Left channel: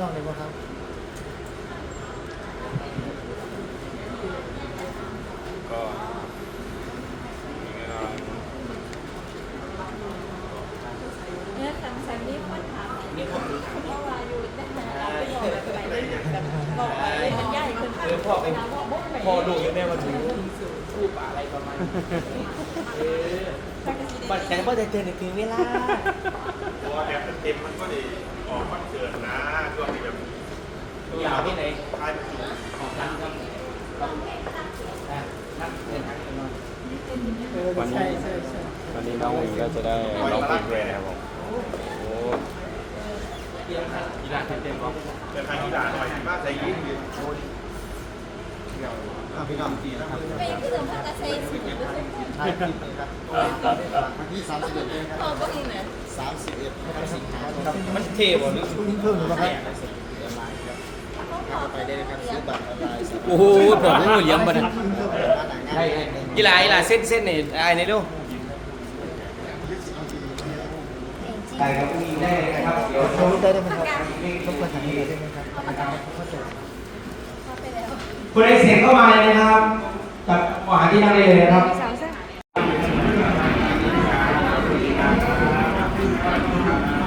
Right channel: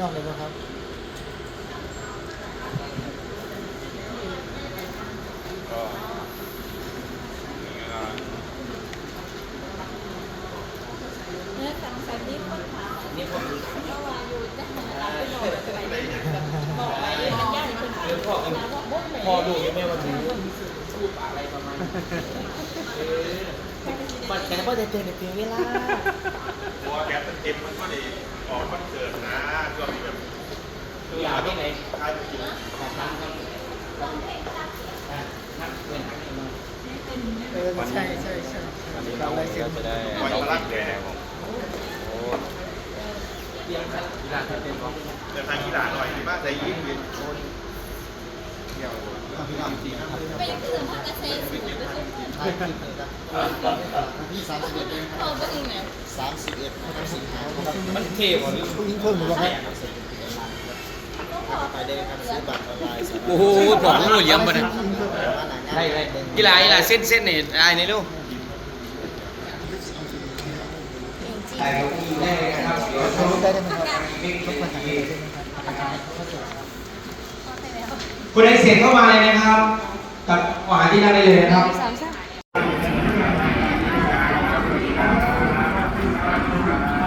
นอกเลยนะครับเนี่ยสังสรรค์นี่คนถามเนี่ยผมเพราะว่าอยู่ได้ทำงานไปบอกแบบไหนได้แบบบอกว่าเลยเป็นญาติคนข้างนะว่าบ่ไหนพอดูยังแม่วันนี้พูดอะไรประมาณนี้เออบัดแต่ก็จะเตือนถึงเวลา เต็มมันก็ได้ออกคอนเสิร์ตนะตัวเปิดอยากที่ไหนท้ายประตูขอบคุณครับนักเดินทางกันหน่อยเออใช่ใช่ใช่วันนี้น้องก็จะได้ไว้มาลักแกโอ้เตรียมครับอีกหลานเต็มพร้อมกันเดินทางที่หลาหน่อยว่าใจยิ้มดีอะพี่น้องนะครับไปยังคือภาคเกษตรสิบก็คือถ่ายคลิปนครับ วันที่สามสิบเอ็ดเองครับพอบ้างเนี่ยสามสิบเอ็ดพฤศจิกาครับมันเทบ่หรือยิ่งเพิ่มเลยนะครับก็พอไปได้ครับซื้อบัตรโอ้โหผมก็เลี้ยงมาเนี่ยได้ได้กีฬากีฬาเส้นเส้นนี่ไอ้นี่ดูจริงไอ้ก็มีได้นะครับเดี๋ยวลงไปได้ได้ไหมครับมีคุณได้เสียงเข้ามาเลยนะครับ กับอาหารที่นั่งได้เลยนะครับ Yeah.